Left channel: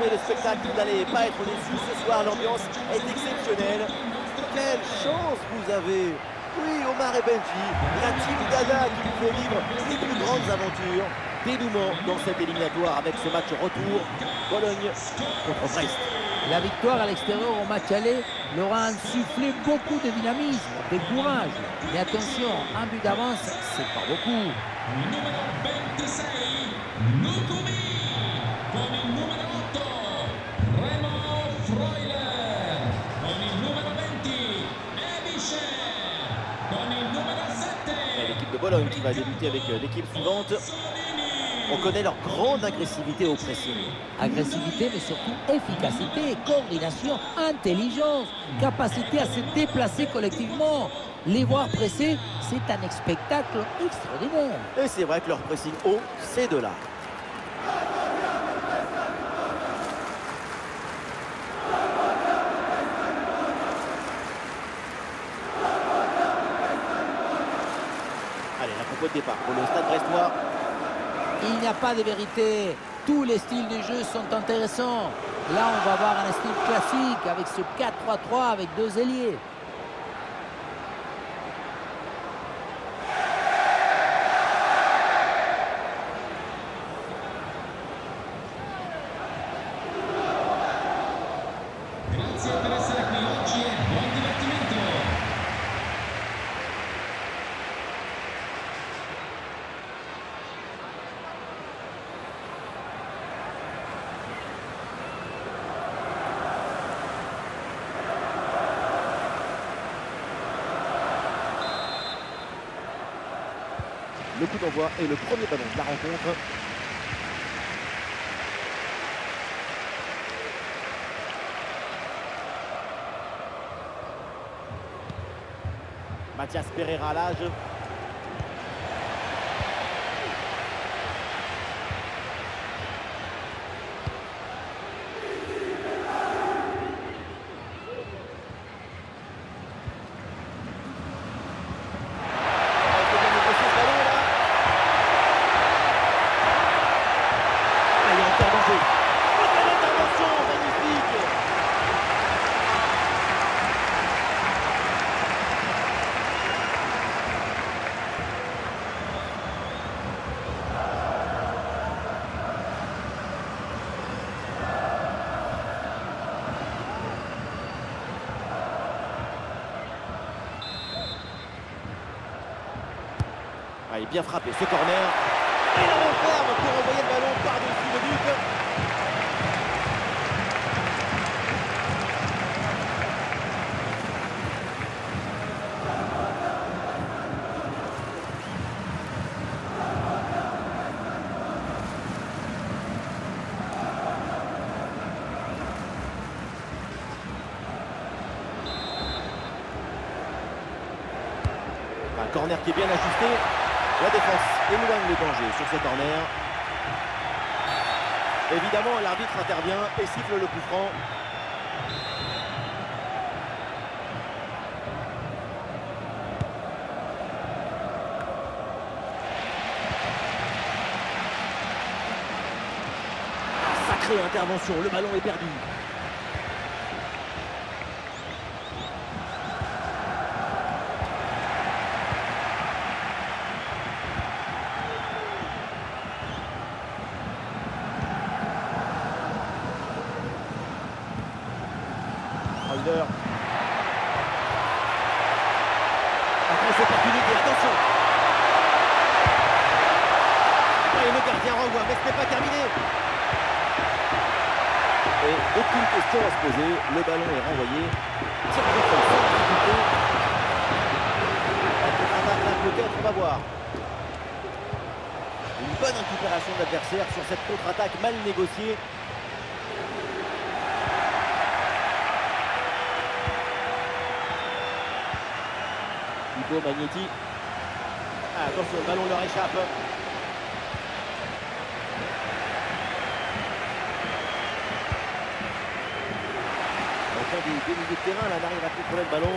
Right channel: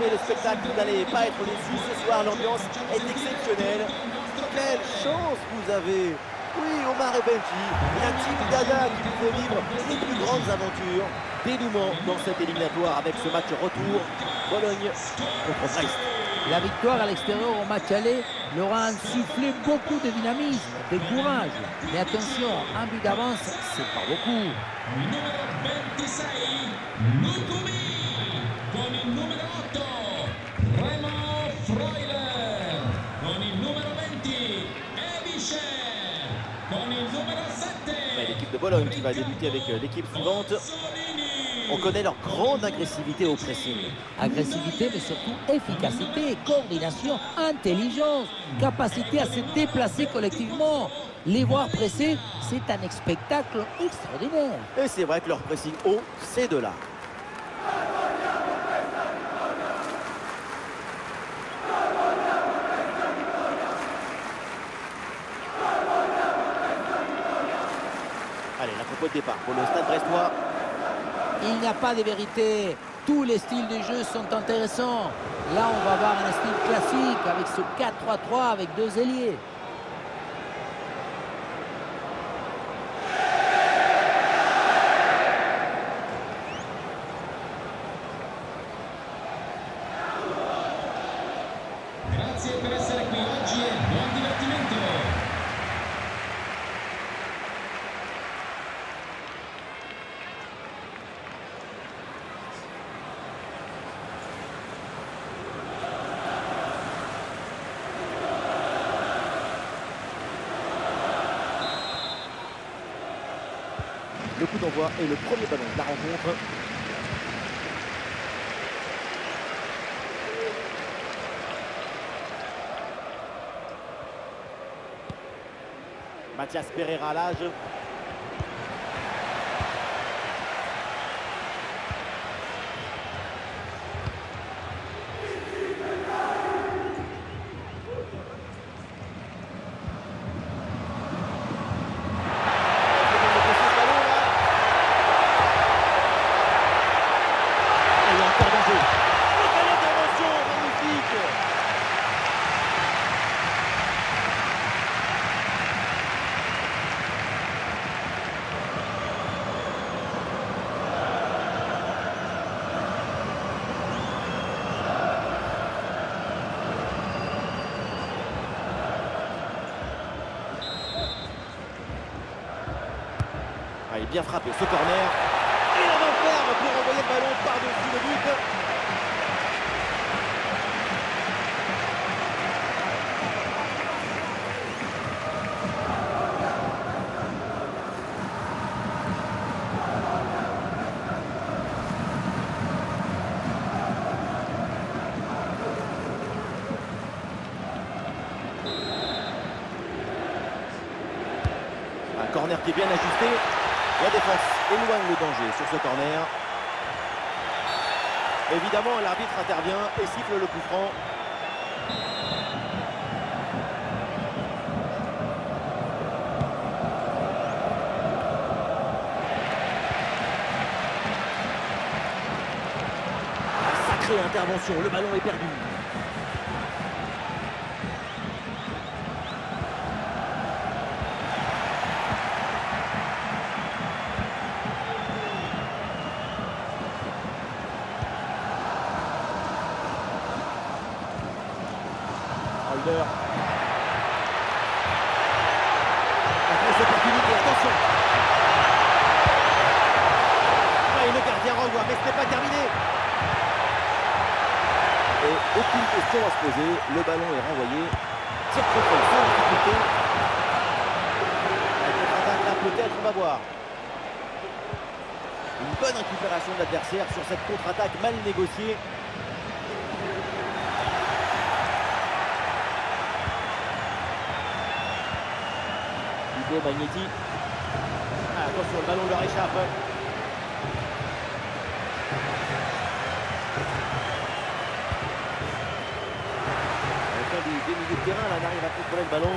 promet le spectacle, vous n'allez pas être déçus. Ce soir, l'ambiance est exceptionnelle. Quelle chance vous avez! Oui, Omar et Benji, la team Dada qui vous fait vivre les plus grandes aventures. Dénouement dans cette éliminatoire avec ce match retour. Bologne contre Brest. La victoire à l'extérieur au match aller leur a insufflé beaucoup de dynamisme, de courage. Mais attention, un but d'avance, c'est pas beaucoup. Numéro 26, Lukumi. Con il numero 8, Remo Freuler. Con il numero 20, Ebicher. Con il numero 7. L'équipe de Bologne qui va débuter avec l'équipe suivante. On connaît leur grande agressivité au pressing. Agressivité, mais surtout efficacité, coordination, intelligence, capacité à se déplacer collectivement. Les voir presser, c'est un spectacle extraordinaire. Et c'est vrai que leur pressing haut, c'est de là. Allez, la compo de départ pour le Stade brestois. Il n'y a pas de vérité. Tous les styles de jeu sont intéressants. Là, on va voir un style classique avec ce 4-3-3 avec deux ailiers. Grazie per essere qui oggi e buon divertimento. Le coup d'envoi est le premier ballon de la rencontre. Mathias Pereira à l'âge. Il y a encore danger. Oh, quelle intervention magnifique! Ah, il est bien frappé ce corner. Et la main ferme pour envoyer le ballon par-dessus le but. Un corner qui est bien ajusté. La défense éloigne le danger sur ce corner. Évidemment, l'arbitre intervient et siffle le coup franc. La sacrée intervention, le ballon est perdu. Freuler. La grosse opportunité, attention. Et le gardien renvoie, mais ce n'est pas terminé. Et aucune question à se poser, le ballon est renvoyé. Tir contrôle sans difficulté. La contre-attaque là, peut-être, on va voir. Une bonne récupération de l'adversaire sur cette contre-attaque mal négociée. Hugo Magnetti. Ah, attention, le ballon leur échappe. Aucun des milieux de terrain là n'arrive à contrôler le ballon.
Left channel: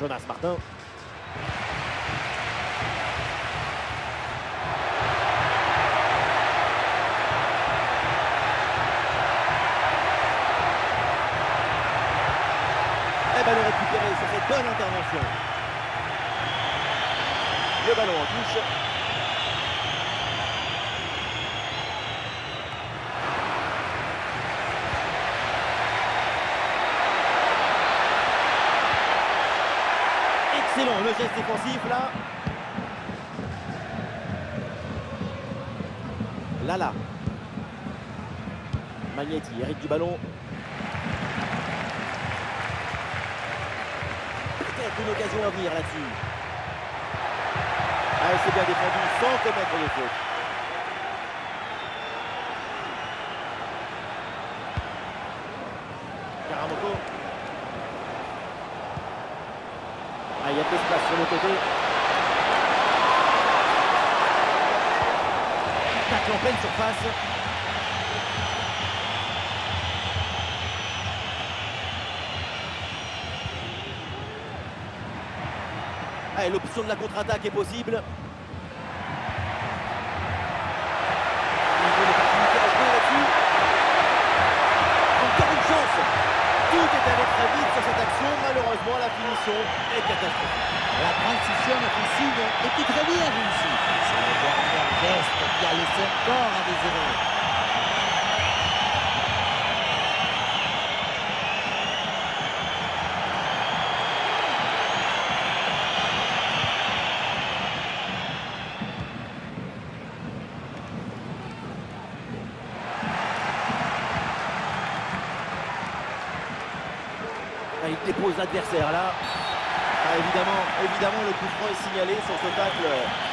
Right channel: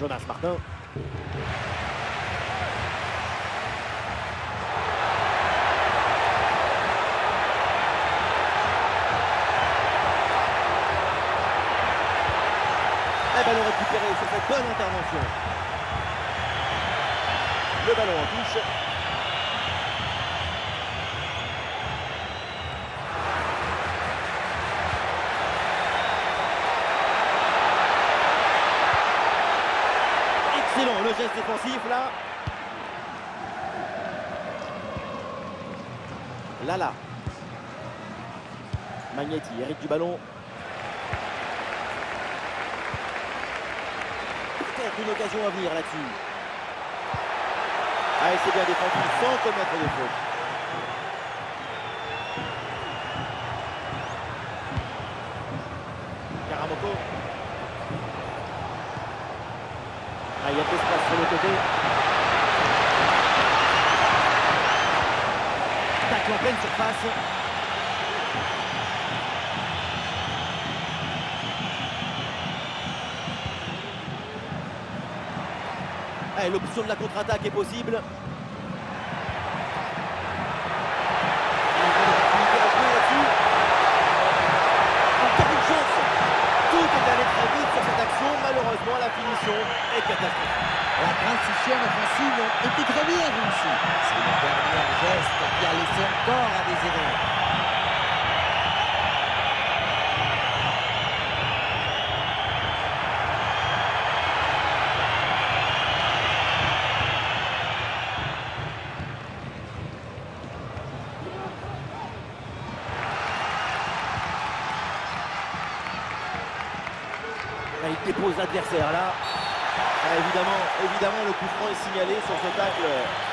Jonas Martin. Et ballon récupéré sur cette bonne intervention. Le ballon en touche. Excellent le geste défensif là. Lala. Magnetti hérite du ballon. Peut-être une occasion à venir là-dessus. Ah, et c'est bien défendu sans commettre de faute. Karamoko. Ah, il y a de l'espace sur le côté. Tacle en pleine surface. Ah, l'option de la contre-attaque est possible. Une bonne opportunité à jouer là-dessus. Encore une chance. Tout est allé très vite sur cette action. Malheureusement, la finition est catastrophique. La transition offensive était très bien réussie. C'est le dernier geste qui a laissé encore à désirer. Là, il dépose l'adversaire là. Ah, évidemment, le coup franc est signalé sur ce tacle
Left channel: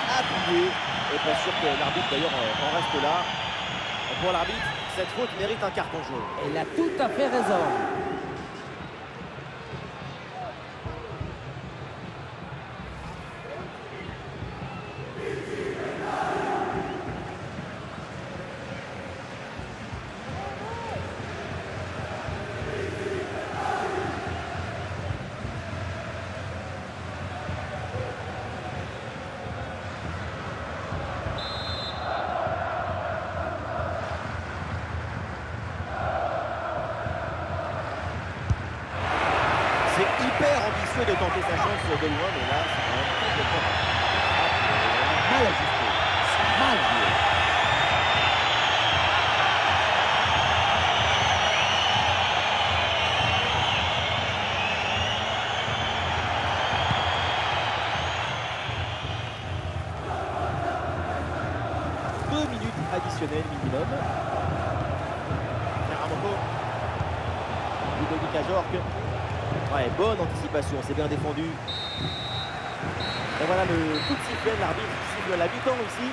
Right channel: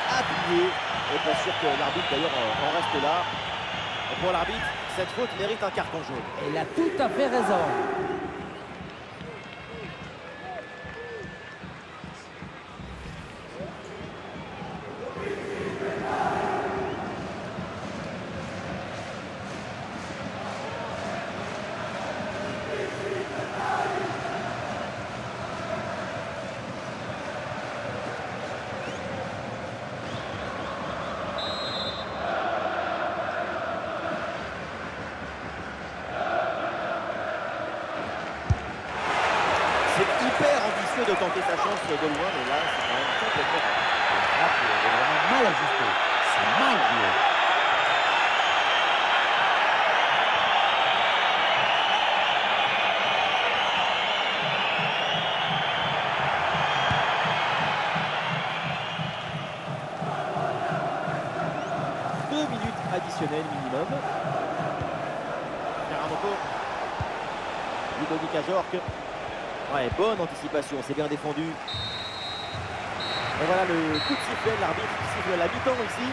appuyé. Et pas sûr que l'arbitre d'ailleurs en reste là. Et pour l'arbitre, cette faute mérite un carton jaune. Elle a tout à fait raison. C'est hyper ambitieux de tenter sa chance de loin, mais là, c'est quand même complètement raté. La frappe est vraiment mal ajustée. C'est mal joué. Deux minutes additionnelles minimum. Karamoko. Ludovic Ajorc. Ouais, bonne anticipation, c'est bien défendu. Et voilà le coup de sifflet de l'arbitre qui siffle la mi-temps ici.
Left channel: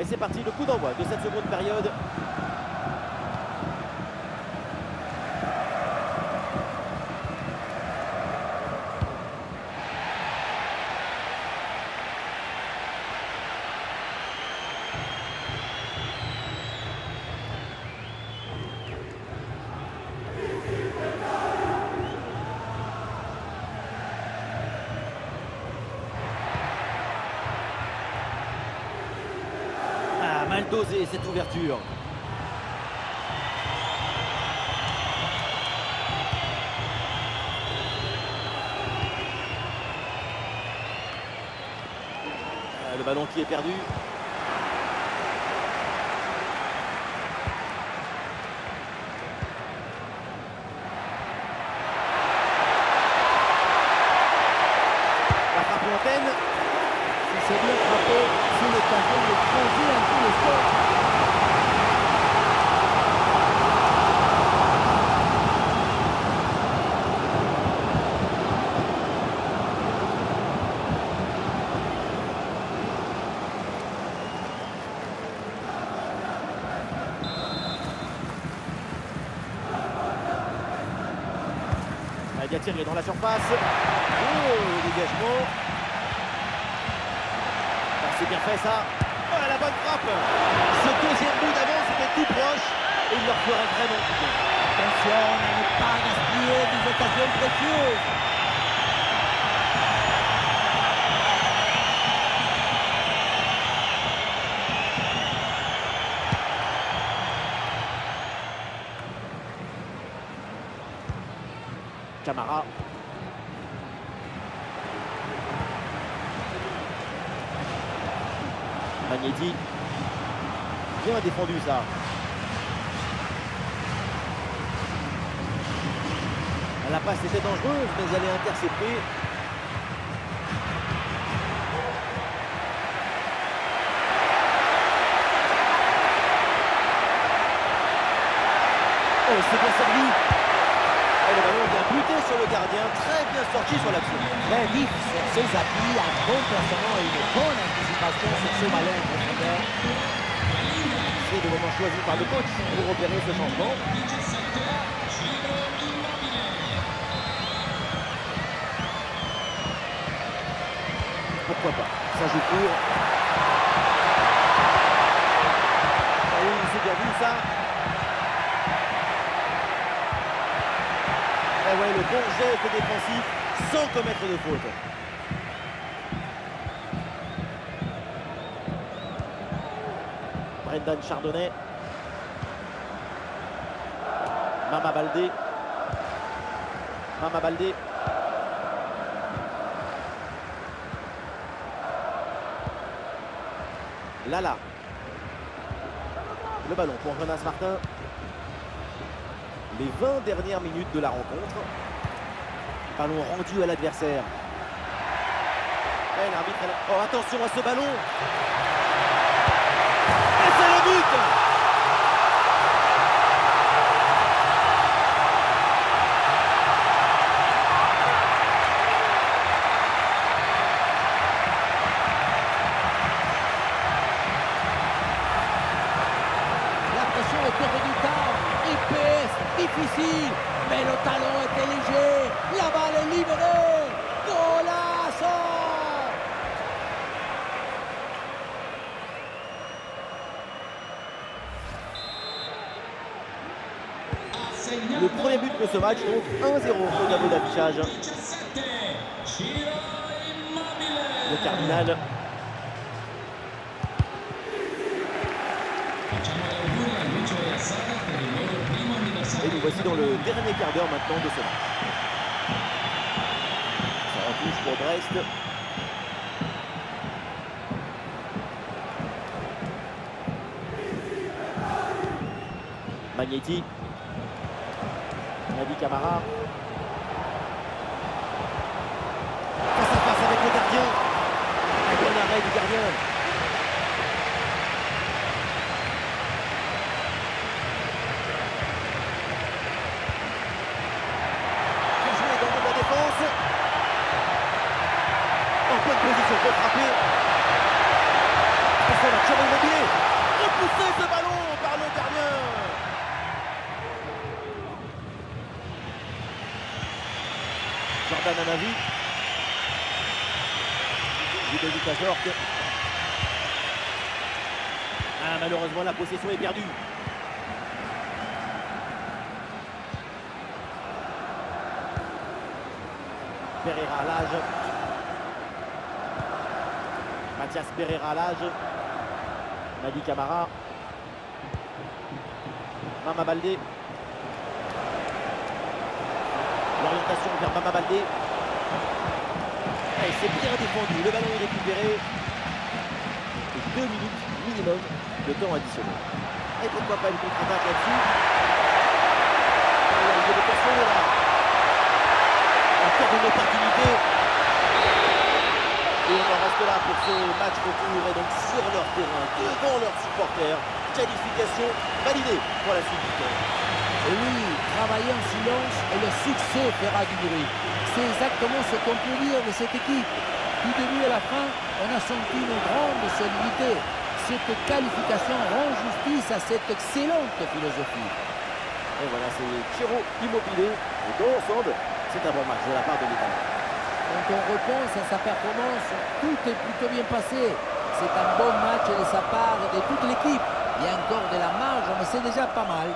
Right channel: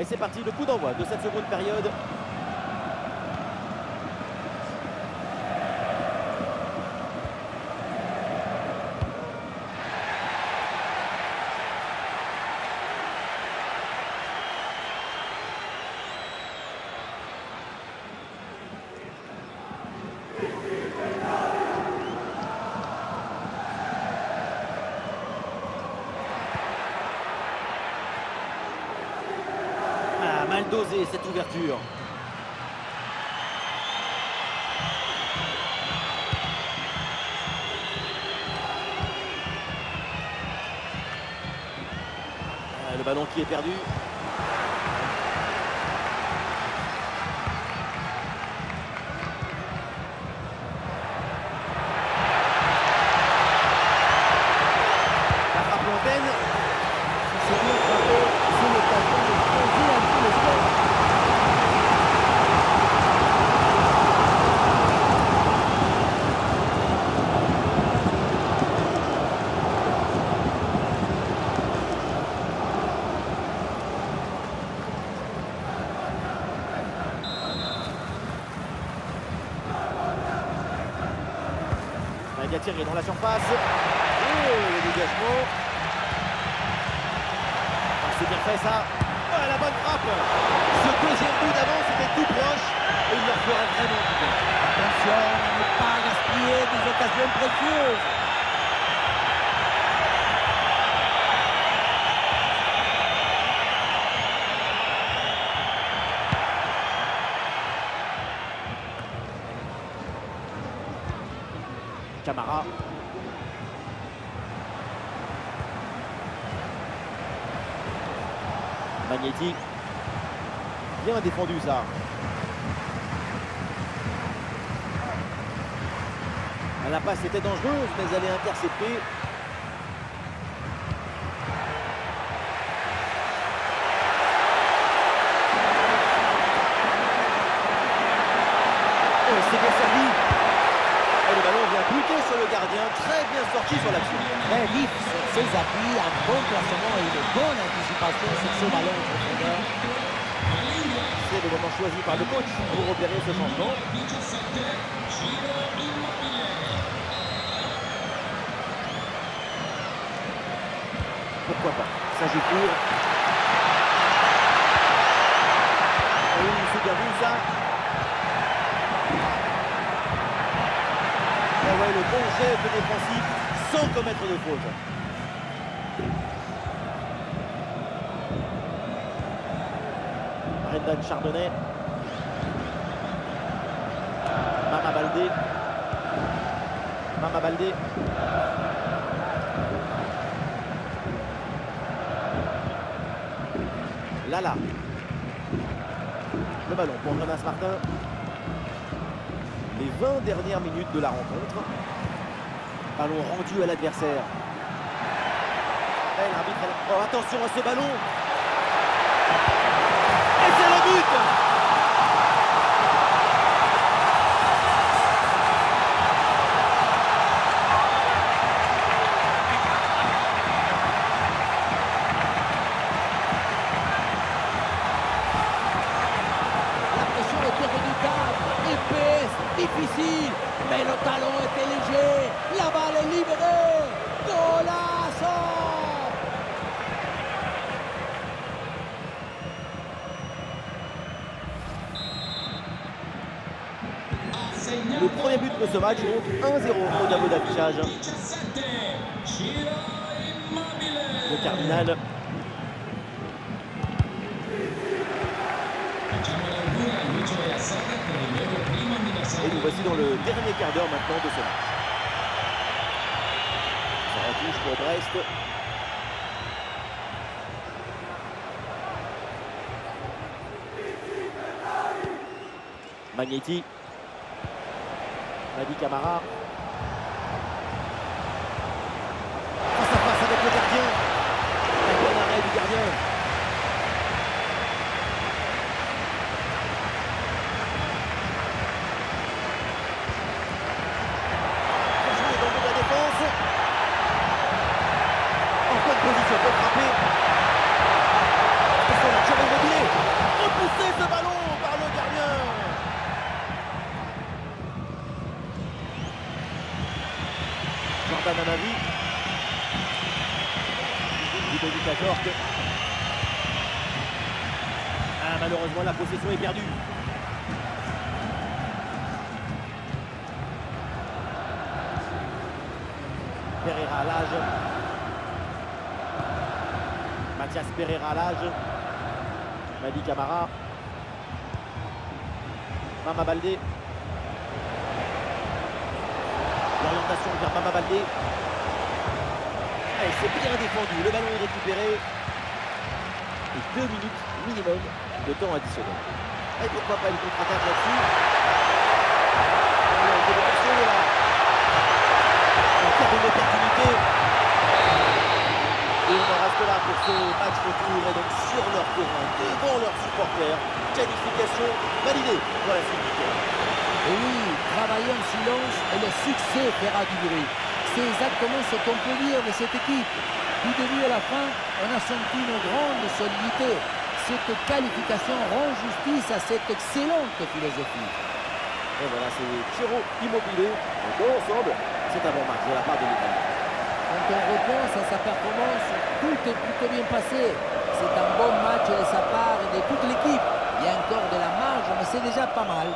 Et c'est parti, le coup d'envoi de cette seconde période. Ah, mal dosé cette ouverture. Ah, le ballon qui est perdu. La frappe lointaine. Si c'est bien frappé, c'est l'occasion de creuser un peu le score. Thierry est dans la surface. Oh, le dégagement. Ah, c'est bien fait ça. Oh, la bonne frappe. Ce deuxième but d'avance était tout proche et il leur ferait vraiment du bien. Attention à ne pas gaspiller des occasions précieuses. Camara. Magneti. Bien défendu ça. La passe était dangereuse, mais elle est interceptée. Oh, c'est bien servi. Et le ballon vient buter sur le gardien. Très bien sorti sur l'action. Très vif sur ses appuis, un bon placement et une bonne anticipation sur ce ballon en profondeur. C'est le moment choisi par le coach pour opérer ce changement. Pourquoi pas? Ça joue court. Ah oui, c'est bien vu ça. Et ouais, le bon geste défensif sans commettre de faute. Brendan Chardonnay. Mama Baldé. Mama Baldé. Lala. Le ballon pour Jonas Martin. Les 20 dernières minutes de la rencontre. Ballon rendu à l'adversaire. Et l'arbitre... Oh, attention à ce ballon. Et c'est le but. La pression était redoutable, épaisse, difficile, mais le talon était léger. La balle est libérée. Golazo! Le premier but de ce match, donc 1-0 au tableau d'affichage. Le Cardinal. Et nous voici dans le dernier quart d'heure maintenant de ce match. Ça en touche pour Brest. Magneti. Madi Camara. Face à face avec le gardien. Un bon arrêt du gardien. Bien joué dans le dos de la défense. En bonne position pour frapper. Attention, la Thiago Immobilier. Repoussé ce ballon par le gardien. Jordan Amavi. Ludovic Ajorc. Ah, malheureusement, la possession est perdue. Pereira à l'âge. Mathias Pereira à l'âge. Madi Camara. Mama Baldé. L'orientation vers Mama Baldé. Et c'est bien défendu. Le ballon est récupéré. Et 2 minutes minimum de temps additionnel. Et pourquoi pas une contre-attaque là-dessus. Il y a une évocation là. Encore une opportunité. Et on en reste là pour ce match retour. Et donc sur leur terrain, devant leurs supporters. Qualification validée pour la suite du terrain. Et oui, travailler en silence et le succès fera du bruit. C'est exactement ce qu'on peut dire de cette équipe. Du début à la fin, on a senti une grande solidité. Cette qualification rend justice à cette excellente philosophie. Et voilà, c'est Ciro Immobile. Et dans l'ensemble, c'est un bon match de la part de l'Italien. Quand on repense à sa performance, tout est plutôt bien passé. C'est un bon match de sa part et de toute l'équipe. Il y a encore de la marge, mais c'est déjà pas mal.